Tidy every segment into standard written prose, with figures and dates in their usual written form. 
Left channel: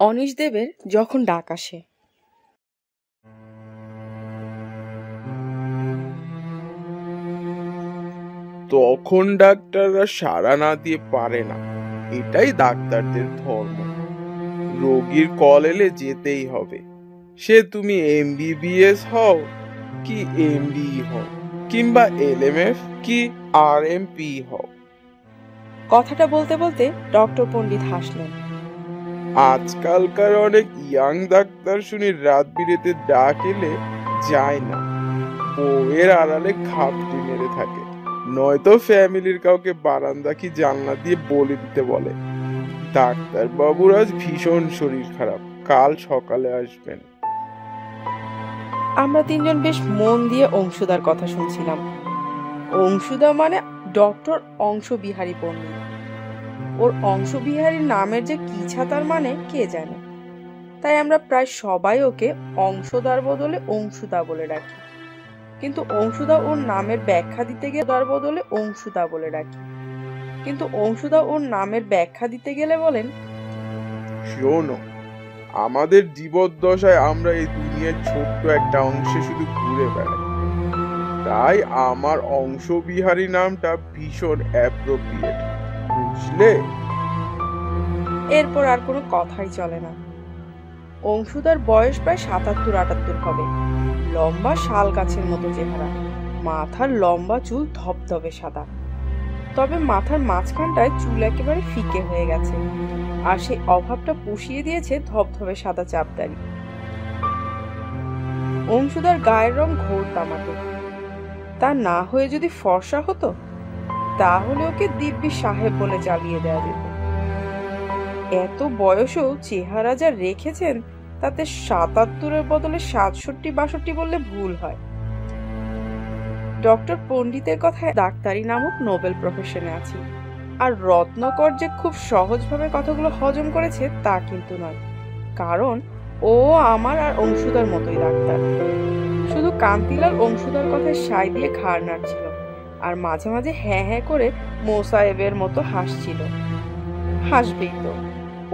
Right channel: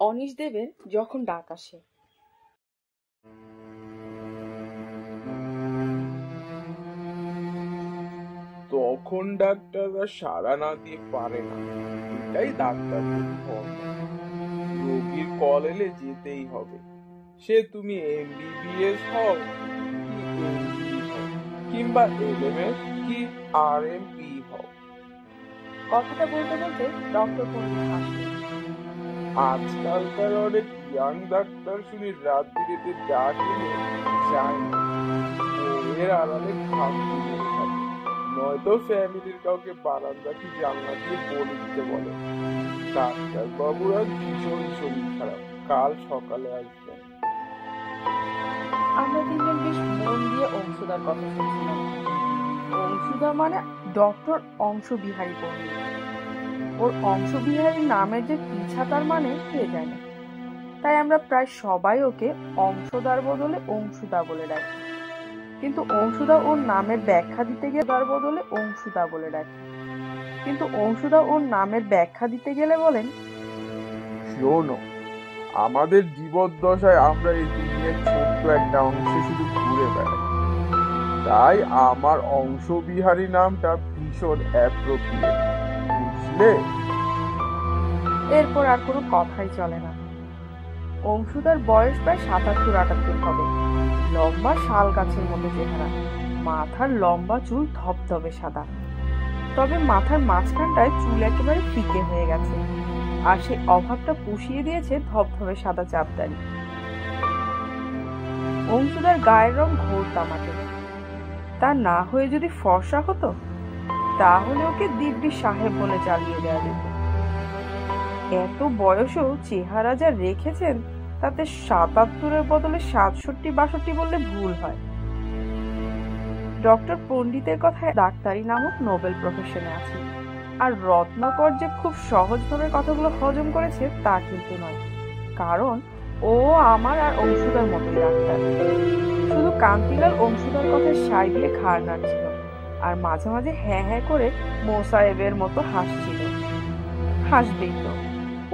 Anise দেবের যখন ডাক আসে। তখন ডাক্তাররা সাড়া না দিয়ে পারে না, এটাই ডাক্তারদের ধর্ম। রোগীর কল এলে যেতেই হবে, সে তুমি এমবিবিএস হও কি এমডি হও কিংবা এলএমএফ কি আরএমপি হও। কথাটা বলতে বলতে ডক্টর পণ্ডিত হাসলেন। আজকালকার অনেক ইয়াং ডাক্তার শুনি রাত বিরেতে ডাক এলে যায় না, বউয়ের আড়ালে খাপটি মেরে থাকে, নয়তো ফ্যামিলির কাউকে বারান্দা কি জানলা দিয়ে বলে দিতে বলে, ডাক্তার বাবুর আজ ভীষণ শরীর খারাপ, কাল সকালে আসবেন। আমরা তিনজন বেশ মন দিয়ে অংশুদার কথা শুনছিলাম। অংশুদা মানে ডক্টর অংশবিহারী পণ্ডিত। ওর অংশবিহারী নামের যে কি ছাতার মানে কে জানে। তাই আমরা প্রায় সবাই ওকে অংশদার বদলে অংশুদা বলে ডাকি। কিন্তু অংশুদা ওর নামের ব্যাখ্যা দিতে গেলে তার বদলে অংশুদা বলে ডাকি। কিন্তু অংশুদা ওর নামের ব্যাখ্যা দিতে গেলে বলেন, শোনো, আমাদের জীবদ্দশায় আমরা এই দুনিয়ার ছোট্ট একটা অংশে শুধু ঘুরে বেড়াই, তাই আমার অংশবিহারী নামটা ভীষণ অ্যাপ্রোপ্রিয়েট, বুঝলে? এরপর আর কোনো কথাই চলে না। অংশুদার বয়স প্রায় ৭৭-৭৮ হবে। লম্বা শাল গাছের মতো চেহারা, মাথার লম্বা চুল ধবধবে সাদা, তবে মাথার মাঝখানটায় চুল একেবারে ফিকে হয়ে গেছে, আর সেই অভাবটা পুষিয়ে দিয়েছে ধবধবে সাদা চাপদারি। অংশুদার গায়ের রং ঘোর তামাটে। তা না হয়ে যদি ফর্সা হতো তাহলে ওকে দিব্যি সাহেব বলে চালিয়ে দেওয়া যেত। এত বয়সেও চেহারা যা রেখেছেন তাতে ৭৭-এর বদলে ৬৭-৬২ বললে ভুল হয়। ডক্টর পণ্ডিতের কথায় ডাক্তারি নামক নোবেল প্রফেশনে আছে, আর রত্নাকর যে খুব সহজভাবে কথাগুলো হজম করেছে তা কিন্তু নয়, কারণ ও আমার আর অংশুদার মতোই ডাক্তার। শুধু কান্তিলাল অংশুদার কথায় সাই দিয়ে ঘাড় নাড়ছিল আর মাঝে মাঝে হ্যাঁ হ্যাঁ করে মোসাহেবের মতো হাসছিল। হাসবেই তো,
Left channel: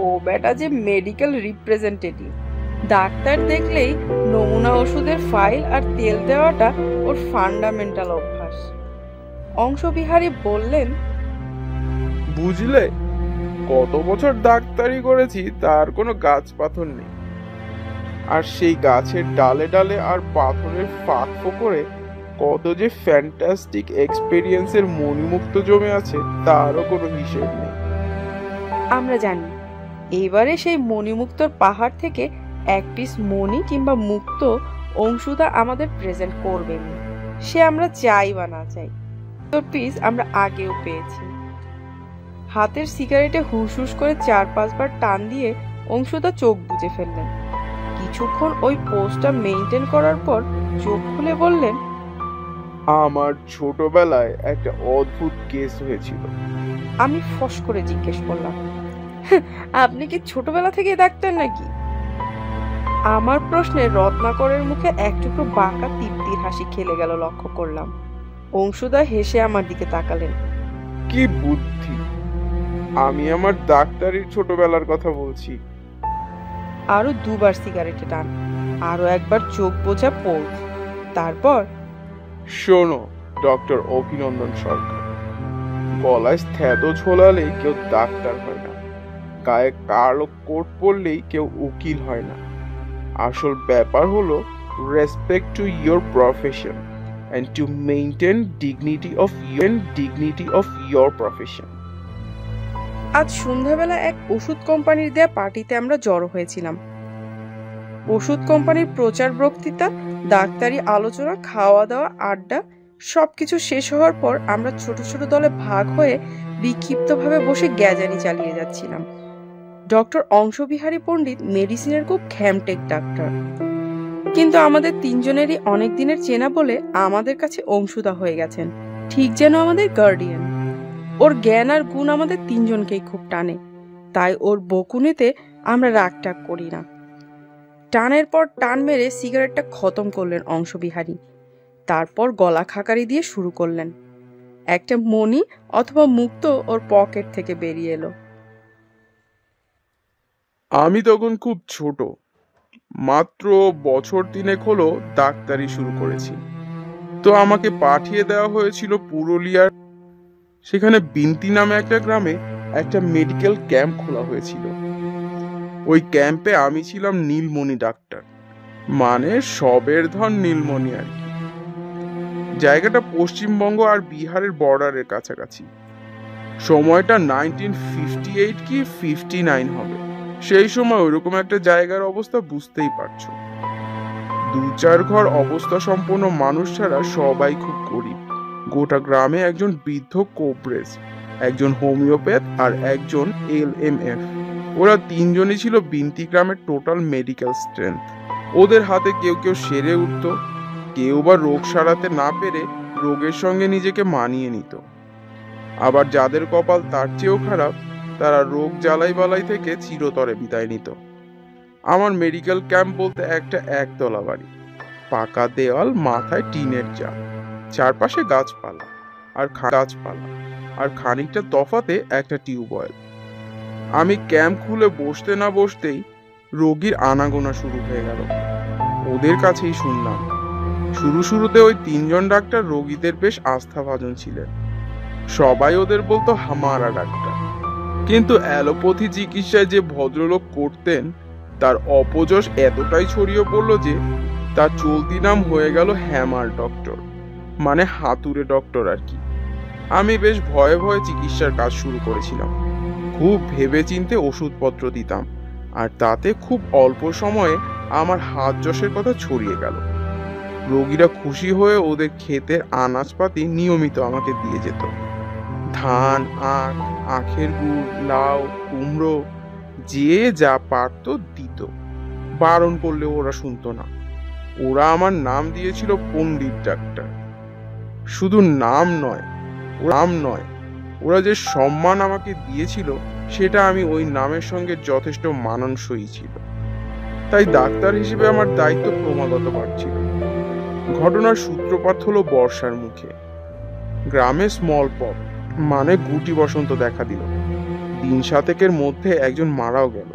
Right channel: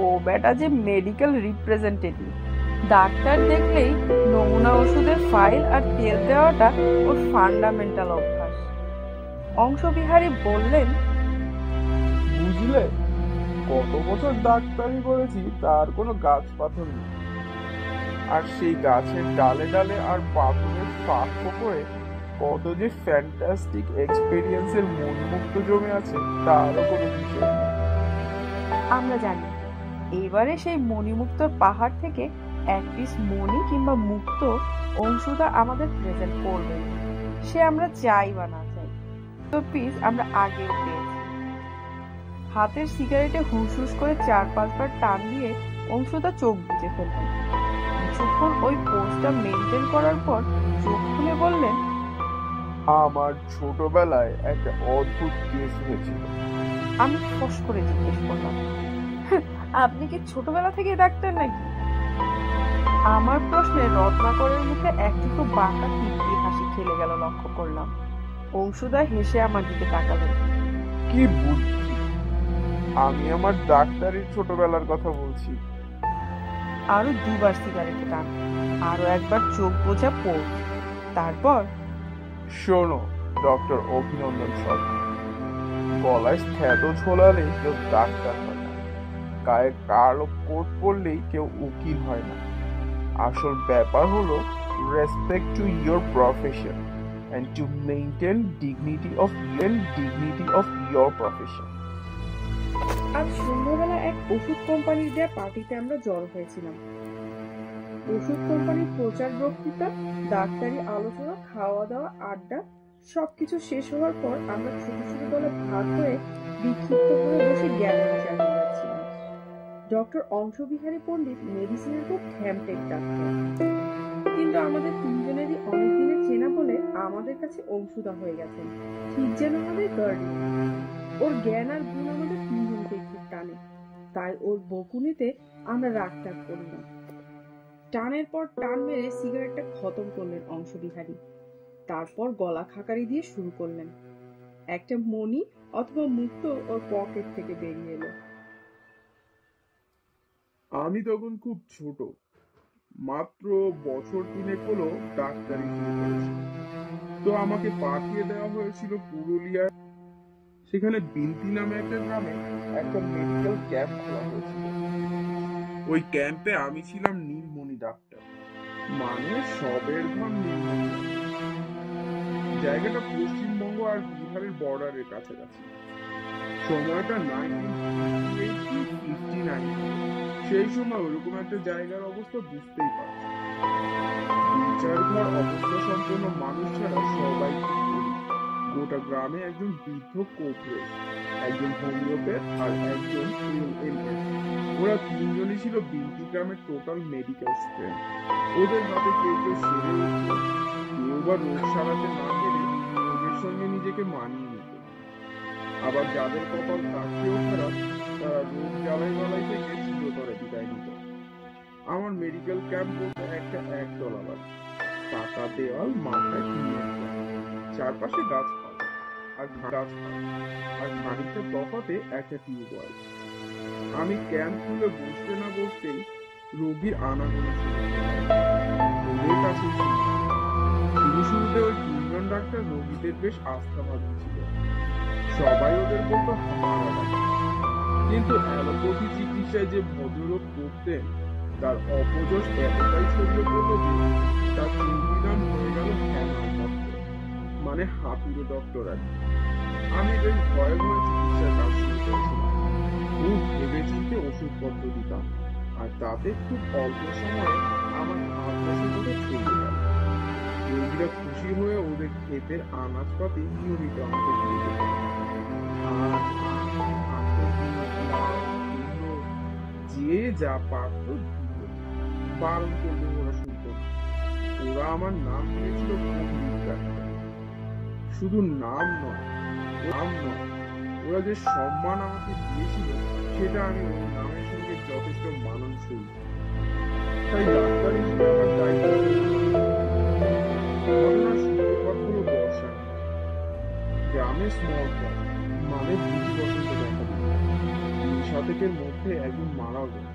ও বেটা যে মেডিকেল রিপ্রেজেন্টেটিভ। ডাক্তার দেখলেই নমুনা ওষুধের ফাইল আর তেল দেওয়াটা ওর ফান্ডামেন্টাল অভ্যাস। অংশবিহারী বললেন, বুঝলে, কত বছর ডাক্তারি করেছি তার কোনো গাছ পাথর নেই, আর সেই গাছের ডালে ডালে আর পাথরের ফাঁক ফোকরে কত যে ফ্যান্টাস্টিক এক্সপেরিয়েন্সের মনমুক্ত জমে আছে তারও কোনো হিসেব নেই। আমরা জানি এবারে সেই মণিমুক্তর পাহাড় থেকে এক পিস মণি কিংবা মুক্ত অংশুদা আমাদের প্রেজেন্ট করবেন, সে আমরা চাই বা না চাই। তোর পিস আমরা আগেও পেয়েছি। হাতের সিগারেটে হুস হুস করে ৪-৫ বার টান দিয়ে অংশুদা চোখ বুজে ফেললেন। কিছুক্ষণ ওই পোজটা মেইনটেইন করার পর চোখ খুলে বললেন, আমার ছোটবেলায় একটা অদ্ভুত কেস হয়েছিল। আমি ফস করে জিজ্ঞেস করলাম, আপনি কি ছোটবেলা থেকে ডাক্তার নাকি? আমার প্রশ্নে রত্নাকরের মুখে একটুকু বাঁকা তৃপ্তির হাসি খেলে গেল লক্ষ্য করলাম। অংশুদা হেসে আমার দিকে তাকালেন। কি বুদ্ধি! আমি আমার ডাক্তারির ছোটবেলার কথা বলছি। আরো ২ বার সিগারেটে টান, আরো একবার চোখ বোঝা পোজ, তারপর, শোনো ডক্টর অভিনন্দন সরকার, গলায় স্থ্যাতো ঝোলালেই কেউ ডাক্তার হয় না, গায়ে কালো কোট পরলেই কেউ উকিল হয় না। আসল ব্যাপার হলো respect to your profession and to maintain dignity of your profession. আজ সন্ধ্যাবেলা এক ওষুধ কোম্পানির দেয়া পার্টিতে আমরা জড়ো হয়েছিলাম। ওষুধ কোম্পানির প্রচার বক্তৃতা, ডাক্তারি আলোচনা, খাওয়া দাওয়া, আড্ডা সবকিছু শেষ হওয়ার পর আমরা ছোট ছোট দলে ভাগ হয়ে বিক্ষিপ্তভাবে বসে গ্যাজানি চালিয়ে যাচ্ছিলাম। ডক্টর অংশবিহারী পণ্ডিত মেডিসিনের খুব খ্যামটেক ডাক্তার, কিন্তু আমাদের তিনজনেরই অনেক দিনের চেনা বলে আমাদের কাছে অংশুদা হয়ে গেছেন, ঠিক যেন আমাদের গার্ডিয়ান। ওর জ্ঞান আর গুণ আমাদের তিনজনকেই খুব টানে, তাই ওর বকুনিতে আমরা রাগটাগ করি না। টানের পর টান মেরে সিগারেটটা খতম করলেন অংশবিহারী, তারপর গলা খাকারি দিয়ে শুরু করলেন। একটা মণি অথবা মুক্তো ওর পকেট থেকে বেরিয়ে এলো। আমি তখন খুব ছোট, মাত্র বছর তিনেক হলো ডাক্তারি শুরু করেছি। তো আমাকে পাঠিয়ে দেওয়া হয়েছিল পুরুলিয়ার, সেখানে বিনতি নামে একটা গ্রামে একটা মেডিকেল ক্যাম্প খোলা হয়েছিল। ওই ক্যাম্পে আমি ছিলাম নীলমণি ডাক্তার, মানে সবের ধন নীলমণি আর কি। জায়গাটা পশ্চিমবঙ্গ আর বিহারের বর্ডারের কাছাকাছি। সময়টা 1958 কি 59 হবে। সেই সময় ওইরকম একটা জায়গার অবস্থা বুঝতেই পারছো। দু চার ঘর অবস্থা সম্পন্ন মানুষ ছাড়া সবাই খুব গরিব। গোটা গ্রামে একজন বৃদ্ধ কোবরেজ, একজন হোমিওপ্যাথ আর একজন LMF। ওরা তিনজনই ছিল বিনতি গ্রামের টোটাল মেডিকেল স্ট্রেংথ। ওদের হাতে কেউ কেউ সেরে উঠত, কেউ বা রোগ সারাতে না পেরে রোগের সঙ্গে নিজেকে মানিয়ে নিত। আবার যাদের কপাল তার চেয়েও খারাপ, তারা রোগ জ্বালাই বালাই থেকে চিরতরে বিদায় নিত। আমার মেডিকেল ক্যাম্প বলতে একটা একতলা বাড়ি, পাকা দেওয়াল, মাথায় টিনের চাল, চারপাশে গাছপালা আর খানিকটা তফাতে একটা টিউবওয়েল। আমি ক্যাম্প খুলে বসতে না বসতেই রোগীর আনাগোনা শুরু হয়ে গেল। ওদের কাছেই শুনলাম, শুরুতে ওই তিনজন ডাক্তার রোগীদের বেশ আস্থাভাজন ছিলেন। সবাই ওদের বলতো হামারা ডাক্তার। কিন্তু অ্যালোপ্যাথি চিকিৎসায় যে ভদ্রলোক করতেন, তার অপযশ এতটাই ছড়িয়ে পড়লো যে তার চলতি নাম হয়ে গেল হ্যামার ডক্টর, মানে হাতুড়ে ডক্টর আর কি। আমি বেশ ভয়ে ভয়ে চিকিৎসার কাজ শুরু করেছিলাম। খুব ভেবেচিন্তে ওষুধপত্র দিতাম, আর তাতে খুব অল্প সময়ে আমার হাত যশের কথা ছড়িয়ে গেল। রোগীরা খুশি হয়ে ওদের ক্ষেতের আনাজপাতি নিয়মিত আমাকে দিয়ে যেত। ধান, আখ, আখের গুড়, লাউ, কুমড়ো, যে যা পারতো দিত। বারণ করলে ওরা শুনতো না। ওরা আমার নাম দিয়েছিল পণ্ডিত ডাক্তার। শুধু নাম নয়, ওরা যে সম্মান আমাকে দিয়েছিল সেটা আমি ওই নামের সঙ্গে যথেষ্ট মানানসই ছিল। তাই ডাক্তার হিসেবে আমার দায়িত্ব ক্রমাগত বাড়ছিল। ঘটনার সূত্রপাত হলো বর্ষার মুখে। গ্রামে স্মল পক্স, মানে গুটি বসন্ত দেখা দিল। দিন সাতেকের মধ্যে একজন মারাও গেল।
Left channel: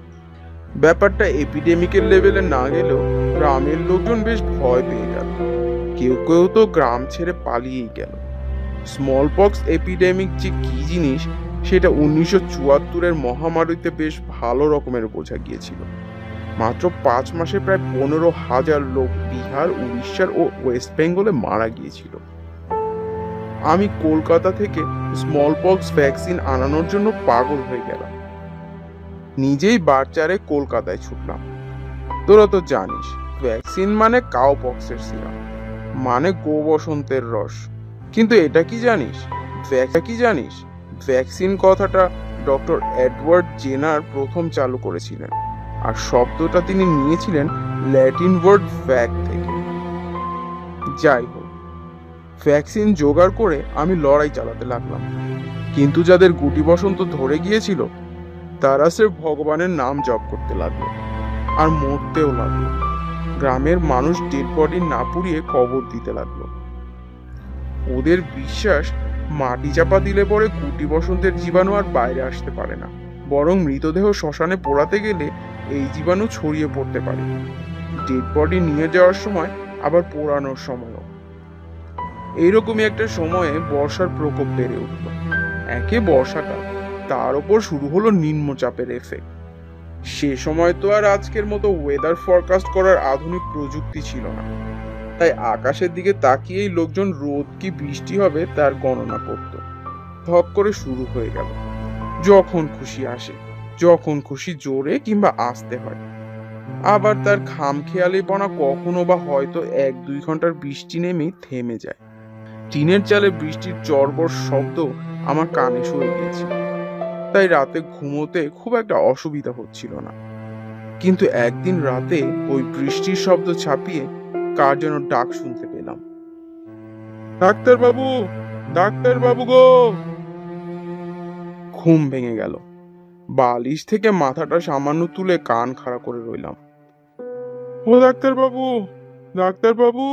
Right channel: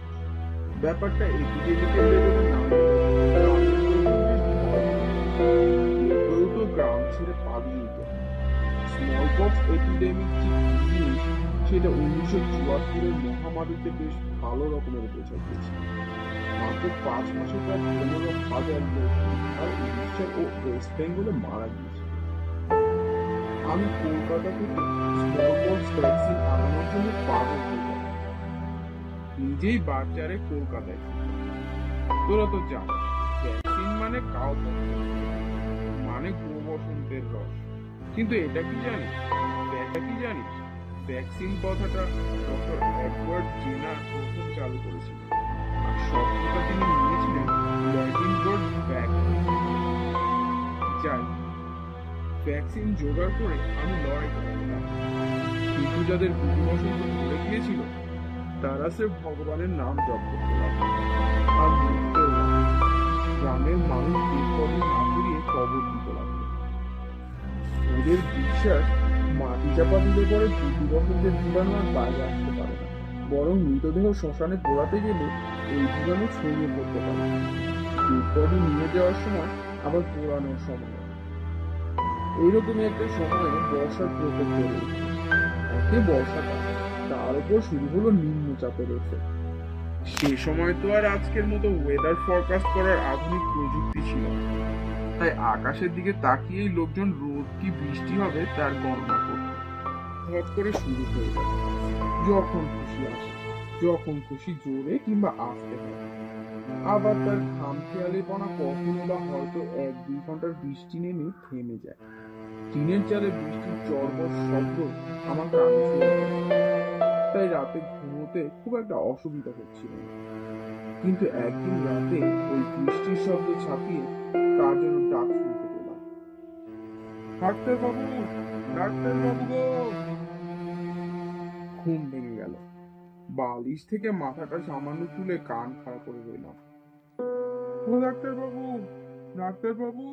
ব্যাপারটা এপিডেমিকের লেভেলে না গেলেও গ্রামের লোকজন বেশ ভয় পেয়ে গেল। কেউ কেউ তো গ্রাম ছেড়ে পালিয়েই গেল। স্মল পক্স এপিডেমিক যে কি জিনিস সেটা 1974-এর মহামারীতে বেশ ভালো রকমের বোঝা গিয়েছিল। মাত্র 5 মাসে প্রায় 15,000 লোক বিহার, উড়িষ্যার ও ওয়েস্ট বেঙ্গলে মারা গিয়েছিল। আমি কলকাতা থেকে স্মল পক্স ভ্যাকসিন আনানোর জন্য পাগল হয়ে গেলাম। নিজেই বারচারে কলকাতায় ছুটলাম। তোরা তো জানিস, ভ্যাকসিন মানে কাউ পক্সের সিরাপ, মানে গো বসন্তের রস। কিন্তু এটা কি জানিস, ভ্যাকসিন কথাটা ডক্টর এডওয়ার্ড জেনার প্রথম চালু করেছিলেন, আর শব্দটা তিনি নিয়েছিলেন ল্যাটিন ওয়ার্ড ভ্যাক থেকে। যাই হোক, ভ্যাকসিন জোগাড় করে আমি লড়াই চালাতে লাগলাম। কিন্তু যাদের গুটি বসন্ত ধরে গিয়েছিল, তারা স্রেফ ভগবানের নাম জপ করতে লাগলো, আর মরতেও লাগলো। গ্রামের মানুষ ডেড বডি না পুড়িয়ে কবর দিতে লাগলো। ওদের বিশ্বাস, মাটি চাপা দিলে পরে গুটি বসন্তের জীবাণু আর বাইরে আসতে পারে না, বরং মৃতদেহ শ্মশানে পোড়াতে গেলে এই জীবাণু ছড়িয়ে পড়তে পারে, ডেড বডি নিয়ে যাওয়ার সময়, আবার পোড়ানোর সময়ও। এইরকমই একটা সময়ে বর্ষার প্রকোপ বেড়ে উঠল। একে বর্ষাটা, তার উপর শুরু হলো নিম্নচাপের এফেক্ট। সে সময় তো আর আজকের মতো ওয়েদার ফরকাস্ট করার আধুনিক প্রযুক্তি ছিল না, তাই আকাশের দিকে তাকিয়েই লোকজন রোদ কি বৃষ্টি হবে তার গণনা করত। ধপ করে শুরু হয়ে গেল। যখন খুশি আসে, যখন খুশি জোরে কিংবা আস্তে হয়। আবার তার খামখেয়ালিপনা কখনো বা হয়তো 1-2 ঘন্টার বৃষ্টি নেমেই থেমে যায়। টিনের চালে বৃষ্টির চড়বড় শব্দ আমার কানে শুয়ে গিয়েছিল, তাই রাতে ঘুমোতে খুব একটা অসুবিধা হচ্ছিল না। কিন্তু একদিন রাতে ওই বৃষ্টির শব্দ ছাপিয়ে কার যেন ডাক শুনতে পেলাম, ডাক্তারবাবু, ডাক্তারবাবু গো। ঘুম ভেঙে গেল। বালিশ থেকে মাথাটা সামান্য তুলে কান খাড়া করে রইলাম। ও ডাক্তারবাবু, ডাক্তারবাবু।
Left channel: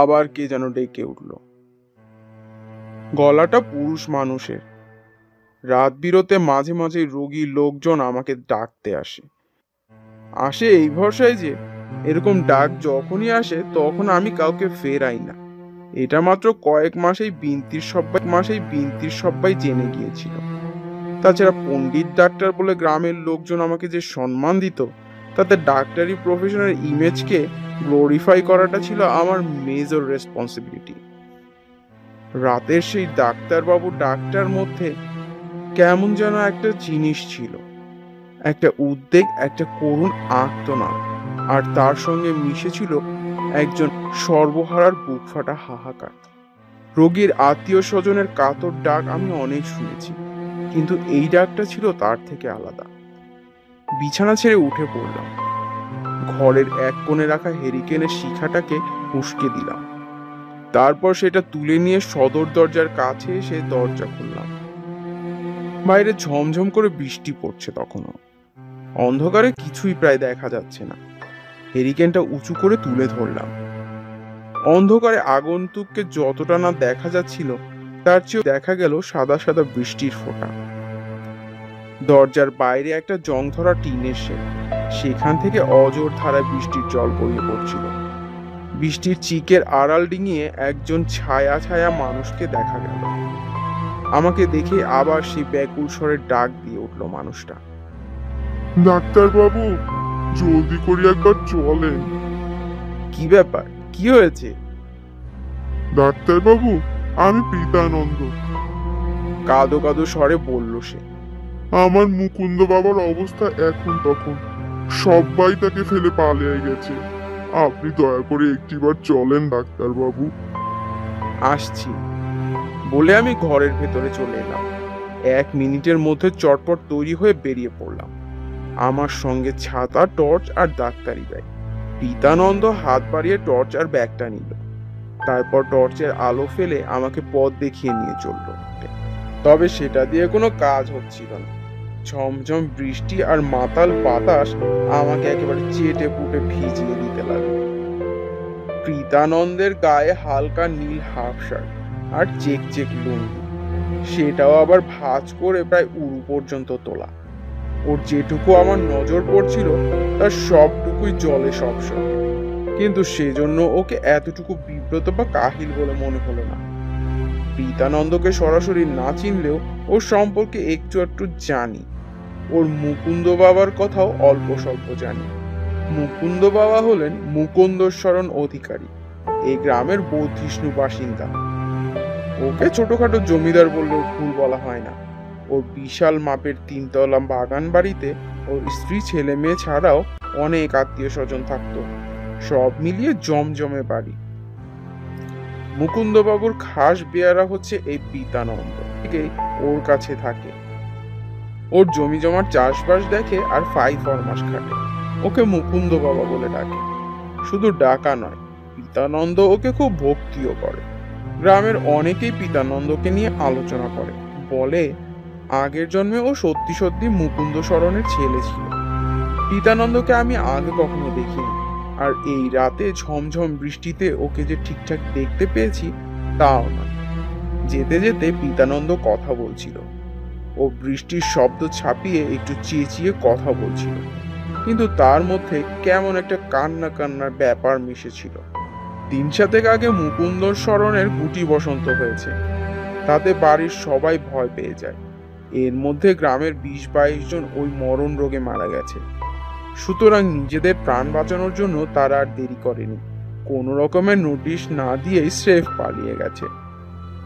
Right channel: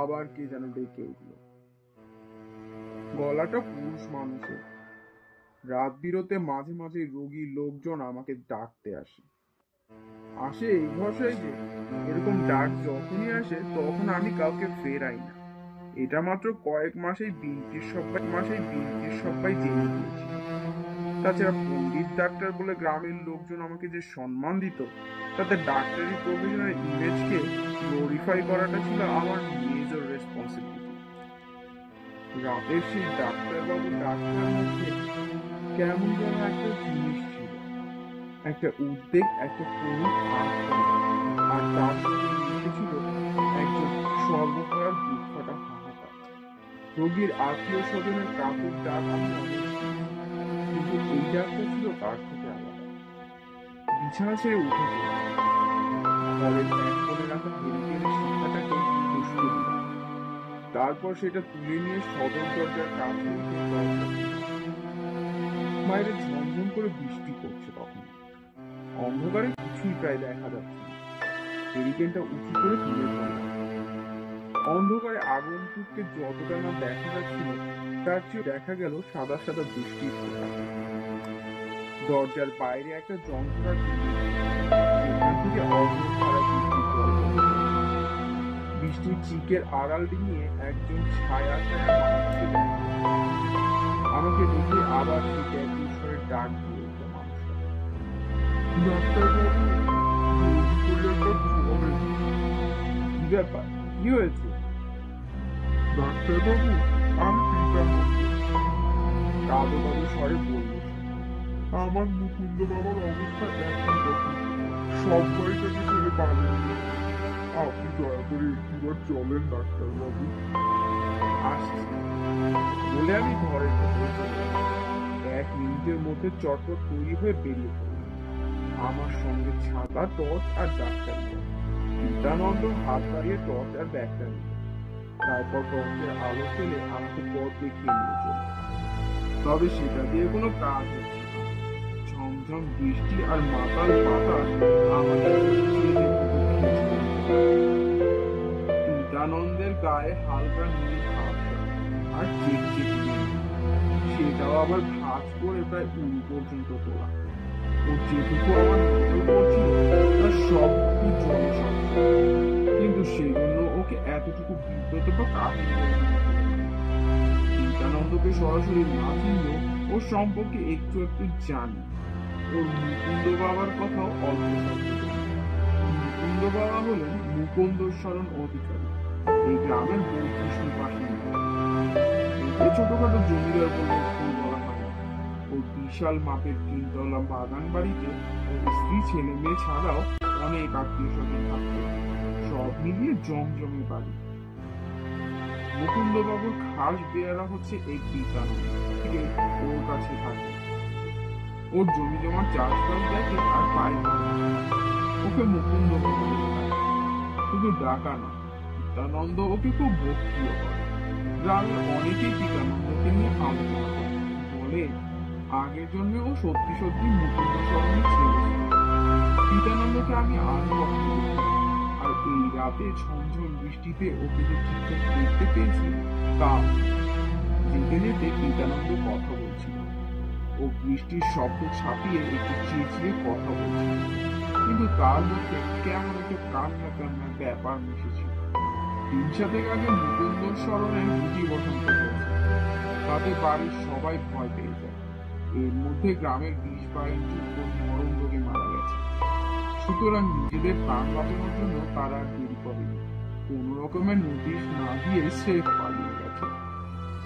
আবার কে যেন ডেকে উঠল। গলাটা পুরুষ মানুষের। রাত বিরতে মাঝে মাঝে রোগীর লোকজন আমাকে ডাকতে আসে। আসে এই ভরসায় যে এরকম ডাক যখনই আসে তখন আমি কাউকে ফেরাই না। এটা মাত্র কয়েক মাসেই বিনতির সব্বাই জেনে গিয়েছিল। তাছাড়া পণ্ডিত ডাক্তার বলে গ্রামের লোকজন আমাকে যে সম্মান দিত, তাতে ডাক্তারি প্রফেশনের ইমেজকে গ্লোরিফাই করাটা ছিল আমার মেজর রেসপন্সিবিলিটি। রাতের সেই ডাক্তারবাবু ডাক্তার মধ্যে কেমন যেন একটা জিনিস ছিল, একটা উদ্বেগ, একটা করুণ আর্তনাদ, আর তার সঙ্গে মিশেছিল একজন সর্বহারার বুক ফাটা হাহাকার। রোগীর আত্মীয় স্বজনের কাতর ডাক আমি অনেক শুনেছি, কিন্তু এই ডাকটা ছিল তার থেকে আলাদা। বিছানা ছেড়ে উঠে পড়লাম। ঘরের এক কোণে রাখা হেরিকেনের শিখাটাকে উস্কে দিলাম। তারপর সেটা তুলে নিয়ে সদর দরজার কাছে এসে দরজা খুললাম। বাইরে ঝমঝম করে বৃষ্টি পড়ছে তখনও। অন্ধকারে কিছুই প্রায় দেখা যাচ্ছে না। হেরিকেনটা উঁচু করে তুলে ধরলাম। অন্ধকারে আগন্তুককে যতটা না দেখা যাচ্ছিল, তার চেয়েও দেখা গেল সাদা সাদা বৃষ্টির ফোঁটা। দরজার বাইরে একটা জং ধরা টিনের শেড, সেখান থেকে অজোর ধারায় বৃষ্টির জল গড়িয়ে পড়ছিল। বৃষ্টির চিকের আড়াল ডিঙিয়ে একজন ছায়া ছায়া মানুষকে দেখা গেল। আমাকে দেখে আবার সেই ব্যাকুল স্বরে ডাক দিয়ে উঠল মানুষটা। ডাক্তার বাবু, জলদি করে একবার চলেন। কি ব্যাপার, কি হয়েছে? ডাক্তার বাবু, আমি পিতানন্দ। কাঁদো কাঁদো স্বরে বলল সে। আমার মুকুন্দ বাবার অবস্থা এখন তখন, সবাই তাকে ফেলে পালিয়ে গেছে। আপনি দয়া করে একটিবার চলেন ডাক্তার বাবু। আসছি বলে আমি ঘরের ভেতরে চলে এলাম। 1 মিনিটের মধ্যে চটপট তৈরি হয়ে বেরিয়ে পড়লাম। আমার সঙ্গে ছাতা, টর্চ আর ডাক্তারি ব্যাগ। পিতানন্দ হাত বাড়িয়ে টর্চ আর ব্যাগটা নিল। তারপর টর্চের আলো ফেলে আমাকে পথ দেখিয়ে নিয়ে চলল। তবে সেটা দিয়ে কোনো কাজ হচ্ছিল না। ঝমঝম বৃষ্টি আর মাতাল বাতাস আমাকে একেবারে চেটে পুটে ভিজিয়ে দিতে লাগলো। পিতানন্দের গায়ে হালকা নীল হাফ শার্ট আর চেক চেক লুঙ্গি, সেটাও আবার ভাঁজ করে প্রায় উরু পর্যন্ত তোলা। ওর যেটুকু আমার নজর পড়ছিল তার সবটুকুই জলে সবসময়, কিন্তু সেজন্য ওকে এতটুকু বিব্রত বা কাহিল বলে মনে হলো না। পিতানন্দকে সরাসরি না চিনলেও ওর সম্পর্কে একটু একটু জানি। ওর মুকুন্দ বাবার কথাও অল্প স্বল্প জানি। মুকুন্দ বাবা হলেন মুকুন্দস্মরণ অধিকারী, এই গ্রামের বর্ধিষ্ণু বাসিন্দা। ওকে ছোটখাটো জমিদার বললেও ভুল বলা হয় না। ওর বিশাল মাপের 3 তলা বাগান বাড়িতে ওর স্ত্রী, ছেলে মেয়ে ছাড়াও অনেক আত্মীয় স্বজন থাকতো। সব মিলিয়ে জমজমে বাড়ি। মুকুন্দবাবুর খাস বেয়ারা হচ্ছে এই পিতানন্দ, থেকেই ওর কাছে থাকে। ওর জমি জমার চাষবাস দেখে আর ফরমাস খাটে। ওকে মুকুন্দ বাবা বলে ডাকে। শুধু ডাকা নয়, পিতানন্দ ওকে খুব ভক্তিও করে। গ্রামের অনেকেই পিতানন্দকে নিয়ে আলোচনা করে, বলে আগের জন্মে ও সত্যি সত্যি মুকুন্দ শরণের ছেলে ছিল। পিতানন্দকে আমি আগে কখনো দেখিনি, আর এই রাতে ঝমঝম বৃষ্টিতে ওকে যে ঠিকঠাক দেখতে পেয়েছি তাও না। যেতে যেতে পিতানন্দ কথা বলছিল। ও বৃষ্টির শব্দ ছাপিয়ে একটু চেঁচিয়ে কথা বলছিল, কিন্তু তার মধ্যে কেমন একটা কান্না কান্নার ব্যাপার মিশেছিল। 3-7 আগে মুকুন্দর শরণের গুটি বসন্ত হয়েছে, তাতে বাড়ির সবাই ভয় পেয়ে যায়। এর মধ্যে গ্রামের 20-22 জন ওই মরণ রোগে মারা গেছে। সুতরাং নিজেদের প্রাণ বাঁচানোর জন্য তারা আর দেরি করেনি। কোনো রকমের নোটিশ না দিয়েই স্রেফ পালিয়ে গেছে।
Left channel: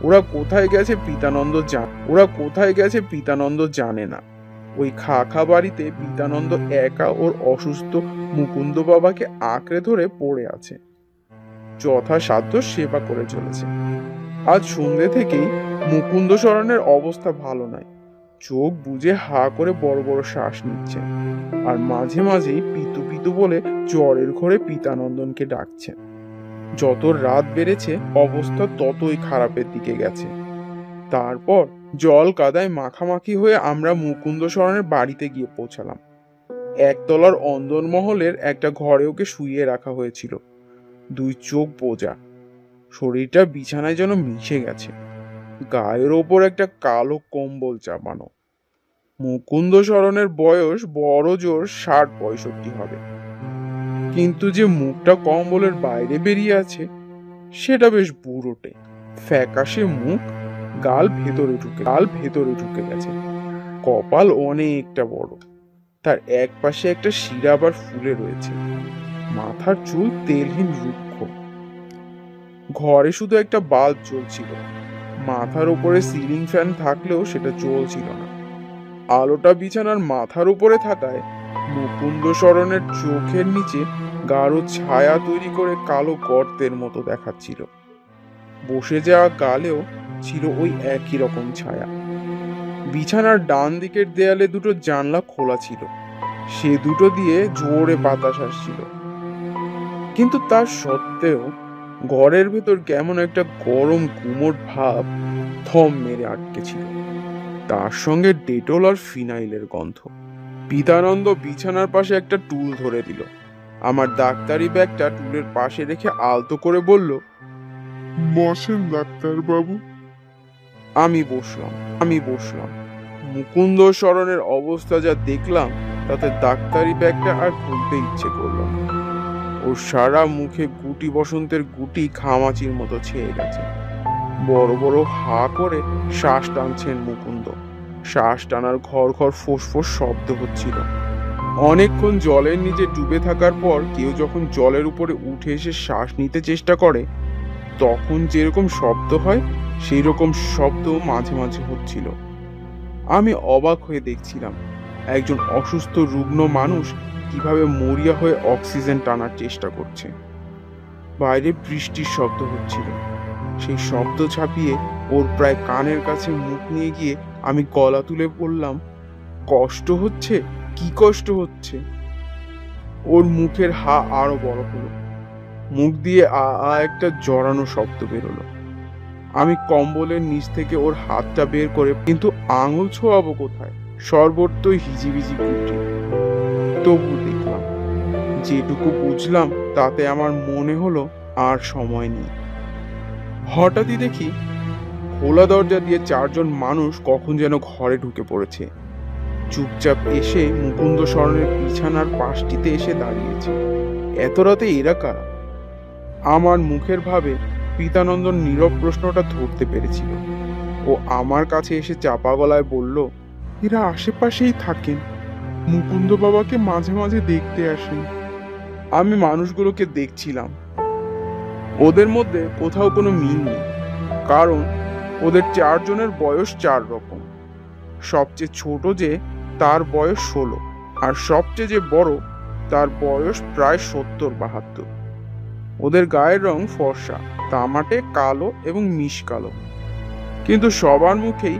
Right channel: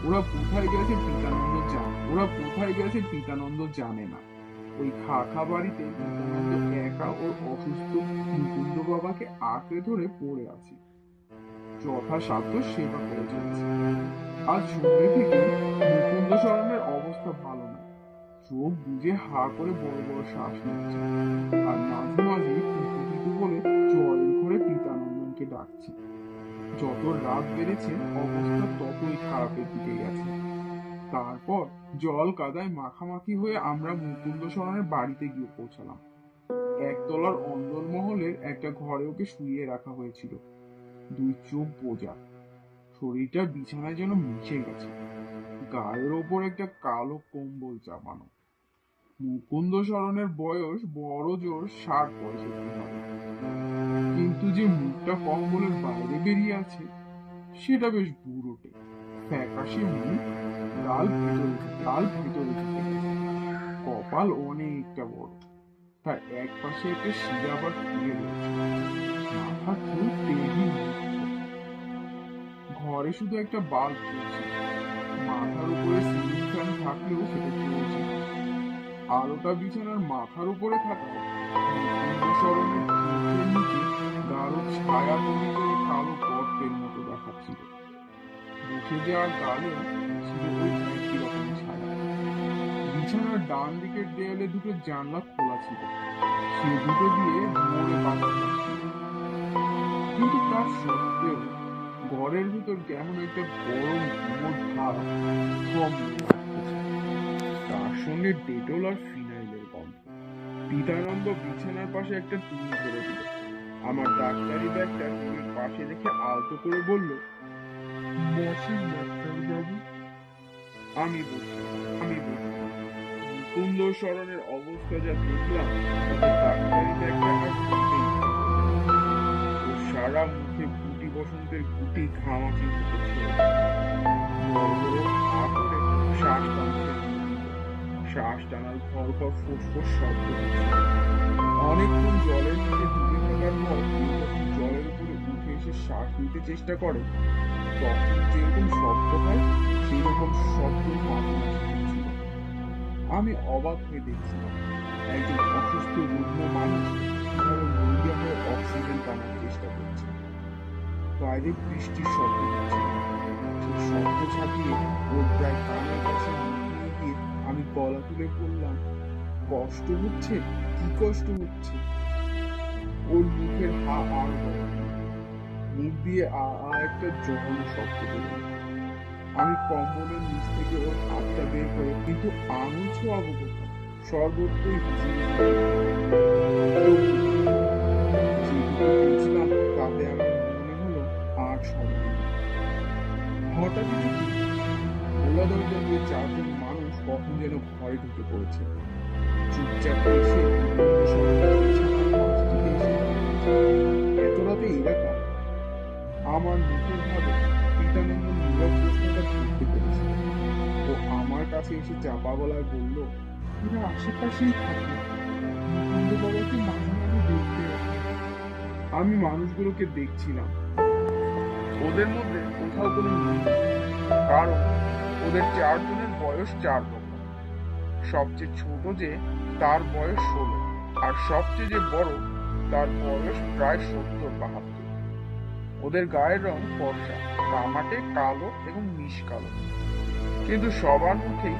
ওরা কোথায় গেছে পিতানন্দ জানে না। ওই খা বাড়িতে পিতানন্দ একা ওর অসুস্থ মুকুন্দ বাবাকে আঁকড়ে ধরে পড়ে আছে। যথাসাধ্য সেবা করে চলেছে। আজ সন্ধ্যে থেকেই মুকুন্দ শরণের অবস্থা ভালো নয়। চোখ বুজে হা করে বড় বড় শ্বাস নিচ্ছে, আর মাঝে মাঝেই পিতু পিতু বলে জ্বরের ঘরে পিতানন্দনকে ডাকছে। যত রাত বেড়েছে অবস্থা ততই খারাপের দিকে গেছে। তারপর জল কাদায় মাখামাখি হয়ে আমরা মুকুন্দ শরণের বাড়িতে গিয়ে পৌঁছালাম। 1 তলার অন্দরমহলের একটা ঘরে ওকে শুইয়ে রাখা হয়েছিল। 2 চোখ বোজা, শরীরটা বিছানায় যেন মিশে গেছে। গায়ের ওপর একটা কালো কম্বল চাপানো। মুকুন্দ সরণের বয়স বড় জোর 60-65 হবে, কিন্তু যে মুখটা কম্বলের বাইরে বেরিয়ে আছে সেটা বেশ বুড়োটে, ফ্যাকাশে মুখ, গাল ভেতরে ঢুকে গেছে, কপাল অনেকটা বড়, তার এক পাশে একটা শিরা আবার ফুলে রয়েছে, মাথার চুল তেলহীন রুক্ষ। ঘরে শুধু একটা বাল্ব জ্বলছিল, মাথার উপরে সিলিং ফ্যান থাকলেও সেটা চলছিল না। আলোটা বিছানার মাথার উপরে থাকায় মুকুন্দ সরণের চোখের নিচে গাঢ় ছায়া তৈরি করে কালো গর্তের মতো দেখাচ্ছিল। বসে যাওয়া গালেও ছিল ওই একই রকম ছায়া। বিছানার ডান দিকের দেয়ালে দুটো জানলা খোলা ছিল, সে দুটো দিয়ে জোরে বাতাস আসছিল, কিন্তু তার সত্ত্বেও ঘরের ভেতর কেমন একটা গরম গুমোট ভাব থম মেরে আটকে ছিল, তার সঙ্গে ডেটল আর ফিনাইলের গন্ধ। পিতানন্দ বিছানার পাশে একটা টুল ধরে দিল, আমার ডাক্তারি ব্যাগটা টুলের পাশে রেখে আলতো করে বলল, বসেন ডাক্তারবাবু। আমি বসলাম। মুকুন্দ সরণের অবস্থা যা দেখলাম তাতে ডাক্তারি ব্যাগটা আর খুলতে ইচ্ছে করল না। ওর সারা মুখে গুটি বসন্তের গুটি ঘামাচির মতো ছেয়ে গেছে। বড় বড় হা করে শ্বাস টানছেন মুকুন্দ। শ্বাস টানার ঘর ঘর ফোঁস শব্দ হচ্ছিল। অনেকক্ষণ জলের নিচে ডুবে থাকার পর কেউ যখন জলের উপরে উঠে এসে শ্বাস নিতে চেষ্টা করে তখন যেরকম শব্দ হয় সেই রকম শব্দ মাঝে মাঝে হচ্ছিল। আমি অবাক হয়ে দেখছিলাম একজন অসুস্থ রুগ্ন মানুষ কিভাবে মরিয়া হয়ে অক্সিজেন টানার চেষ্টা করছে। বাইরে বৃষ্টির শব্দ হচ্ছিল, সেই শব্দ ছাপিয়ে ওর প্রায় কানের কাছে মুখ নিয়ে গিয়ে আমি গলা তুলে বললাম, কষ্ট হচ্ছে? কি কষ্ট হচ্ছে? ওর মুখের হা আরো বড় হলো, মুখ দিয়ে আ একটা জড়ানো শব্দ বেরোলো। আমি কম্বলের নিচ থেকে ওর হাতটা বের করে, কিন্তু আঙুল ছোঁয়াবো কোথায়? সর্বত্রই হিজিবিজি করছে। তবু দেখলাম, যেটুকু বুঝলাম তাতে আমার মনে হলো আর সময় নেই। হঠাৎই দেখি খোলা দরজা দিয়ে 4 জন মানুষ কখন যেন ঘরে ঢুকে পড়েছে। চুপচাপ এসে মুকুন্দ সরণের বিছানার পাশটিতে এসে দাঁড়িয়েছে। এত রাতে এরা কারা? আমার মুখের ভাবে পিতানন্দর নীরব প্রশ্নটা ধরতে পেরেছিল। ও আমার কাছে এসে চাপা গলায় বলল, এরা আশেপাশেই থাকে, মুকুন্দ বাবাকে মাঝে মাঝে দেখতে আসে। আমি মানুষগুলোকে দেখছিলাম, ওদের মধ্যে কোথাও কোনো মিল নেই, কারণ ওদের 4 জনের বয়স 4 রকম। সবচেয়ে ছোট যে তার বয়স 16, আর সবচেয়ে যে বড় তার বয়স প্রায় 70-72। ওদের গায়ের রং ফর্সা, তামাটে কালো এবং মিশ কালো, কিন্তু সবার মুখেই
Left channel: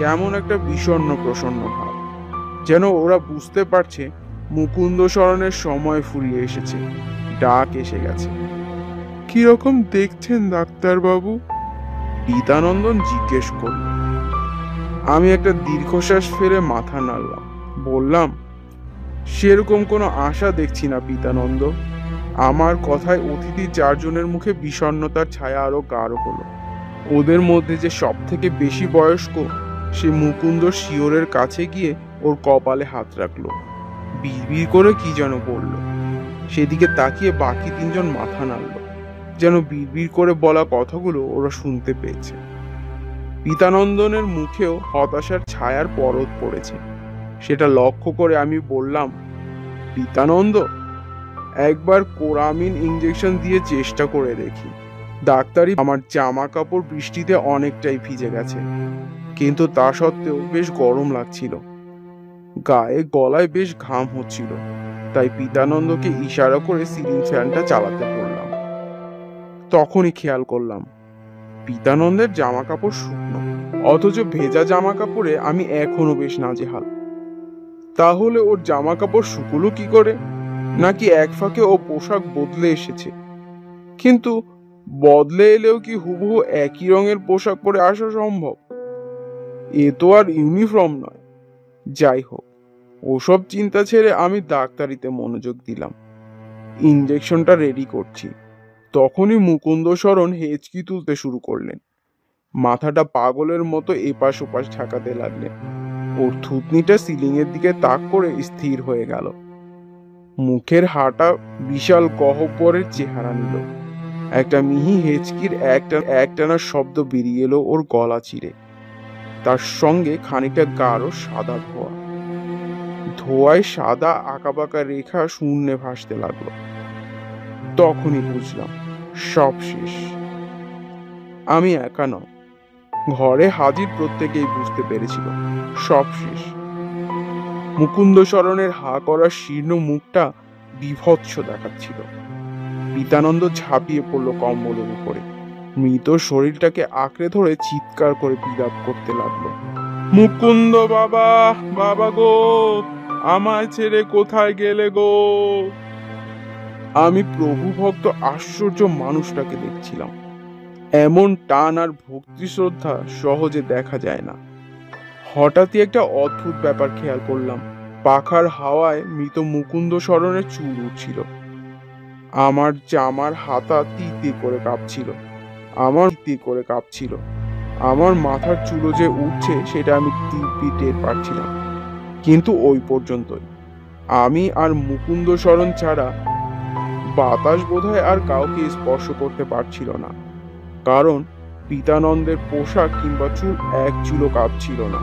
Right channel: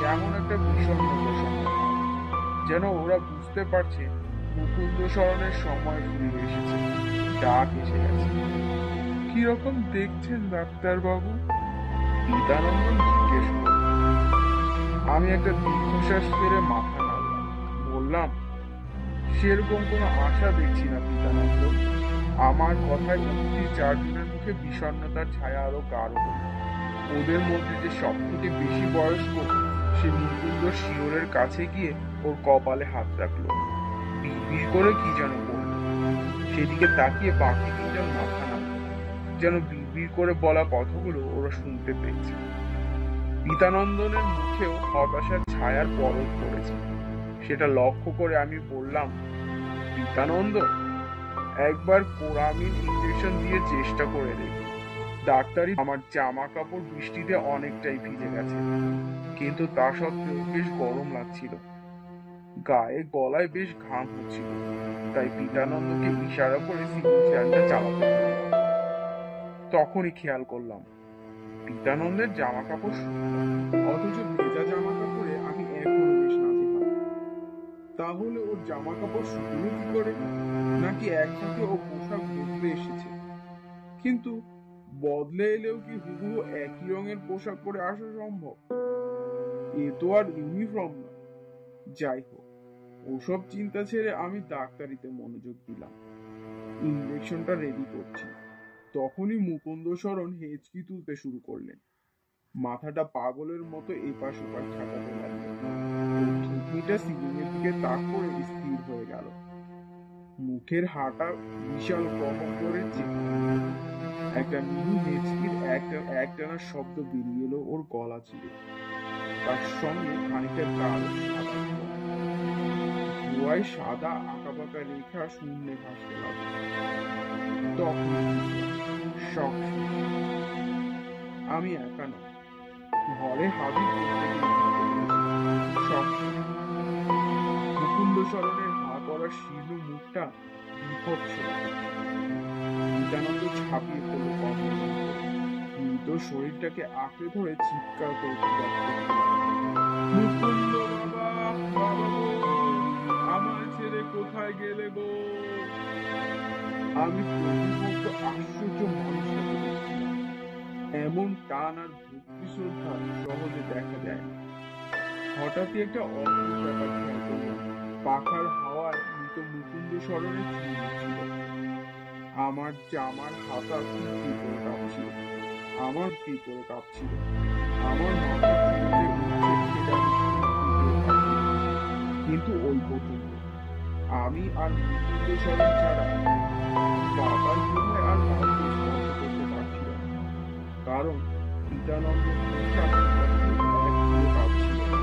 কেমন একটা বিষণ্ণ প্রসন্ন ভাব, যেন ওরা বুঝতে পারছে মুকুন্দ সরণের সময় ফুরিয়ে এসেছে, ডাক এসে গেছে। কিরকম দেখছেন ডাক্তারবাবু? পিতানন্দন জিজ্ঞেস করল। আমি একটা দীর্ঘশ্বাস ফেলে মাথা নাড়লাম, বললাম, সেরকম কোনো আশা দেখছি না পিতানন্দ। আমার কথায় অতিথি 4 জনের মুখে বিষণ্ণতার ছায়া আরো গাঢ় হলো। ওদের মধ্যে যে সব থেকে বেশি বয়স্ক সে মুকুন্দ শিওরের কাছে গিয়ে ওর কপালে হাত রাখলো, বিড়বিড় করে কি যেন বলল। সেদিকে তাকিয়ে বাকি 3 জন মাথা নাড়ল, যেন বিড়বিড় করে বলা কথাগুলো ওরা শুনতে পেয়েছে। পিতানন্দনের মুখেও হতাশার ছায়ার পরত পড়েছে, সেটা লক্ষ্য করে আমি বললাম, পিতানন্দ, একবার কোরামিন ইঞ্জেকশন দিয়ে চেষ্টা করে দেখি। ডাক্তারি আমার জামা কাপড় বৃষ্টিতে অনেকটাই ভিজে গেছে, কিন্তু তা সত্ত্বেও বেশ গরম লাগছিল, গায়ে গলায় বেশ ঘাম হচ্ছিল, তাই পিতানন্দকে ইশারা করে সিলিং ফ্যানটা চালাতে বললাম। তখনই খেয়াল করলাম পিতানন্দের জামা কাপড় শুকনো, অথচ ভেজা জামা কাপড়ে আমি এখনো বেশ নাজেহাল। তাহলে ওর জামা কাপড় শুকলো কি করে? নাকি এক ফাঁকে ও পোশাক বদলে এসেছে? কিন্তু বদলে এলেও কি হুবহু একই রঙের পোশাক পরে আসা সম্ভব? এ তো আর ইউনিফর্ম নয়। যাই হোক, ওসব চিন্তা ছেড়ে আমি ডাক্তারিতে মনোযোগ দিলাম। ইঞ্জেকশনটা রেডি করছি। তখনই মুকুন্দশরণ হেঁচকি তুলতে শুরু করলেন। মাথাটা পাগলের মতো এপাশ ওপাশ ঝাঁকাতে লাগলেন। ওর থুতনিটা সিলিং এর দিকে তাক করে স্থির হয়ে গেল। মুখের হাঁটা বিশাল গহ্বরের চেহারা নিল। একটা মিহি হেঁচকির একটানা শব্দ বেরিয়ে এলো ওর গলা চিরে। তার সঙ্গে খানিকটা গাঢ় সাদা ধোঁয়া। ধোঁয়ায় সাদা আঁকাবাঁকা রেখা শূন্যে ভাসতে লাগলো। তখনই বুঝলাম সব শেষ। আমি একা নয়, ঘরে হাজির প্রত্যেকেই বুঝতে পেরেছিল সব শেষ। মুকুন্দশরণের হা করা শীর্ণ মুখটা বীভৎস দেখাচ্ছিল। পিতানন্দ ঝাঁপিয়ে পড়লো কম্বলের উপরে, মৃত শরীরটাকে আঁকড়ে ধরে চিৎকার করে বিলাপ করতে লাগলো। মুকুন্দ বাবা, বাবা গো, আমায় ছেড়ে কোথায় গেলে গো? আমি প্রভু ভক্ত আশ্চর্য মানুষটাকে দেখছিলাম। এমন টান আর ভক্তি শ্রদ্ধা সহজে দেখা যায় না। হঠাৎই একটা অদ্ভুত ব্যাপার খেয়াল করলাম। পাখার হাওয়ায় মৃত মুকুন্দশরণের চুল উঠছিল। আমার জামার হাতা তীর করে কাঁপছিল। আমার মাথার চুলো যে উঠছে সেটা আমি দিব্যি টের পাচ্ছিলাম। কিন্তু ওই পর্যন্তই। আমি আর মুকুন্দশরণ ছাড়া বাতাস বোধহয় আর কাউকে স্পর্শ করতে পারছিল না। কারণ পিতানন্দের পোশাক কিংবা চুল এক চুলো কাঁপছিল না।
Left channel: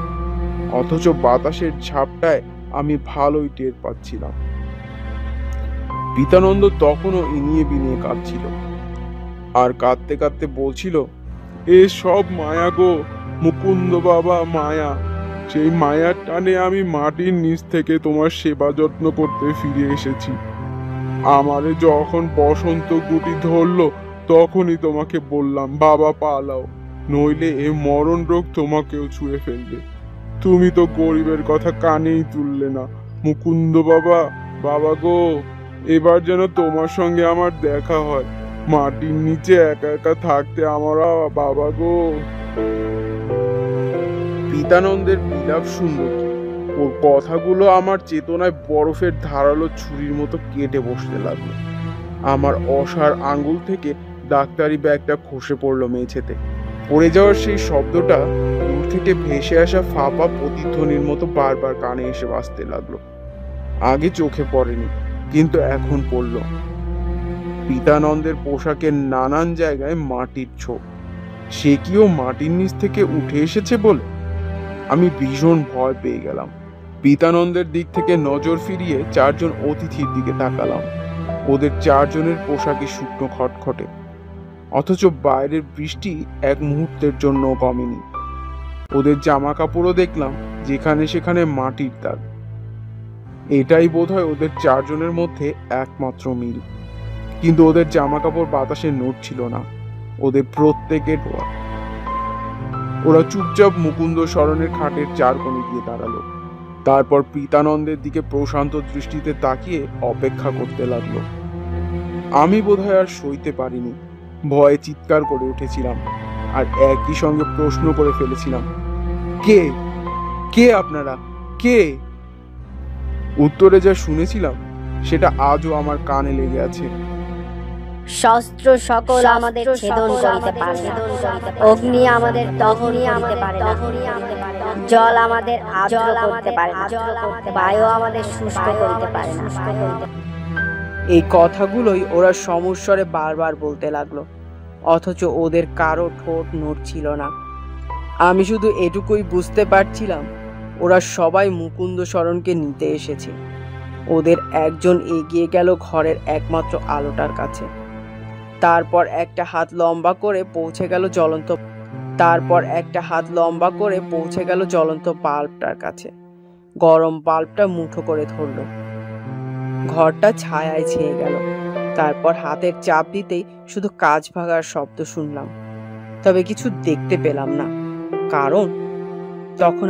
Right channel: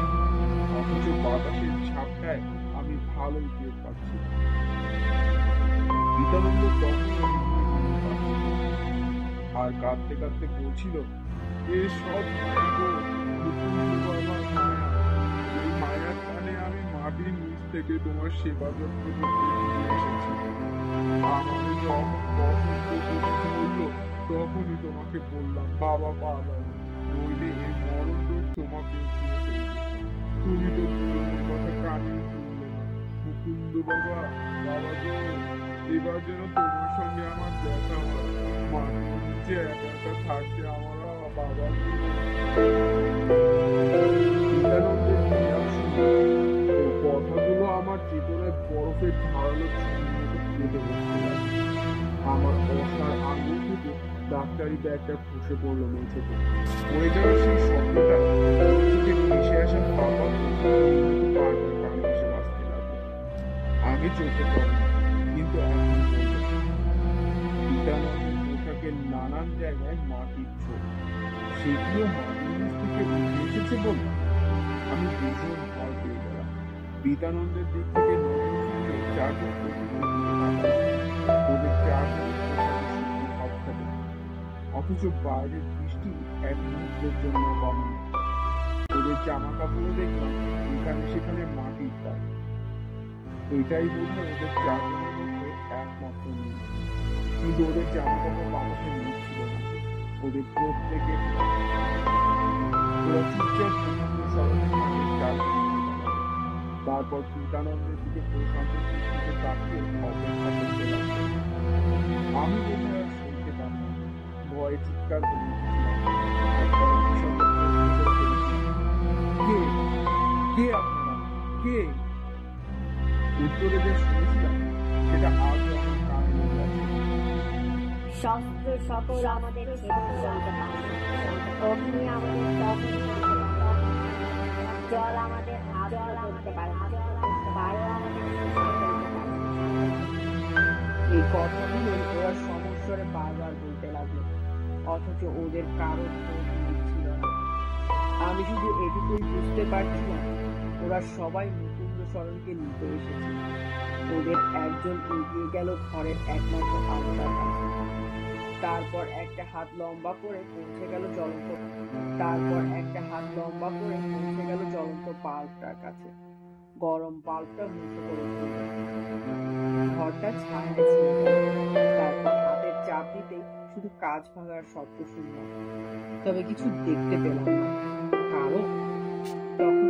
অথচ বাতাসের ঝাপটায় আমি ভালোই টের পাচ্ছিলাম। পিতানন্দ তখনও ইনিয়ে বিনিয়ে কাঁদছিল, আর কাঁদতে কাঁদতে বলছিল, এ সব মায়া গো মুকুন্দ বাবা, মায়া। সেই মায়ার টানে আমি মাটির নিচ থেকে তোমার সেবা যত্ন করতে ফিরে এসেছি। আমারে যখন বসন্ত গুটি ধরলো তখনই তোমাকে বললাম, বাবা পালাও, নইলে এ মরণ রোগ তোমাকেও ছুঁয়ে ফেলবে। তুমি তো গরিবের কথা কানেই তুললে না। মুকুন্দ বাবা, বাবা গো, এবার যেন তোমার সঙ্গে আমার দেখা হয়। মাটির নিচে একা একা থাকতে আমার বাবা গো। পিতানন্দের বিলাপ শুনে ওর কথাগুলো আমার চেতনায় বরফের ধারালো ছুরির মতো কেটে বসতে লাগলো। আমার অসাড় আঙ্গুল থেকে ডাক্তারি ব্যাগটা খসে পড়লো মেঝেতে। পড়ে যাওয়ার সেই শব্দটা দূর থেকে ভেসে আসা ফাঁপা প্রতিধ্বনির মতো বারবার কানে এসে বাজতে লাগলো। আগে চোখে পড়েনি, কিন্তু এখন পড়লো। পিতানন্দের পোশাকের নানান জায়গায় মাটির ছোপ। সে কিও মাটির নিচ থেকে উঠে এসেছে বলে আমি ভীষণ ভয় পেয়ে গেলাম। পিতানন্দের দিক থেকে নজর ফিরিয়ে চারজন অতিথির দিকে তাকালাম। ওদের চারজনের পোশাকে শুকনো খটখটে, অথচ বাইরের বৃষ্টি এক মুহূর্তের জন্য কমেনি। ওদের জামা কাপড়ও দেখলাম যেখানে সেখানে মাটির দাগ। এটাই বোধহয় ওদের চারজনের মধ্যে একমাত্র মিল। কিন্তু ওদের জামা কাপড় বাতাসে নড়ছিল না। ওদের প্রত্যেকের ওরা চুপচাপ মুকুন্দশরণের খাটের চার কোণে গিয়ে দাঁড়ালো। তারপর পিতানন্দের দিকে প্রশান্ত দৃষ্টিতে তাকিয়ে অপেক্ষা করতে লাগলো। আমি বোধহয় আর সইতে পারিনি। ভয়ে চিৎকার করে উঠেছিলাম, আর একই সঙ্গে প্রশ্ন করে ফেলেছিলাম, কে কে আপনারা, কে? উত্তরে যা শুনেছিলাম সেটা আজও আমার কানে লেগে আছে। শস্ত্র সকল আমাদের ছেদন করিতে পারে না, অগ্নি আমাদের দহন করিতে পারে না, জল আমাদের আর্দ্র করতে পারে না, বায়ু আমাদের শুষ্ক করিতে পারে না। এই কথাগুলোই ওরা সমস্বরে বারবার বলতে লাগলো, অথচ ওদের কারো ঠোঁট নড়ছিল না। আমি শুধু এটুকুই বুঝতে পারছিলাম, ওরা সবাই মুকুন্দশরণকে নিতে এসেছে। ওদের একজন এগিয়ে গেল ঘরের একমাত্র আলোটার কাছে। তারপর একটা হাত লম্বা করে পৌঁছে গেল জ্বলন্ত বাল্বটার কাছে। গরম বাল্বটা মুঠো করে ধরল। ঘরটা ছায়ায় ছেয়ে গেল। তারপর হাতের চাপ দিতেই শুধু কাঁচ ভাঙার শব্দ শুনলাম, তবে কিছু দেখতে পেলাম না, কারণ তখন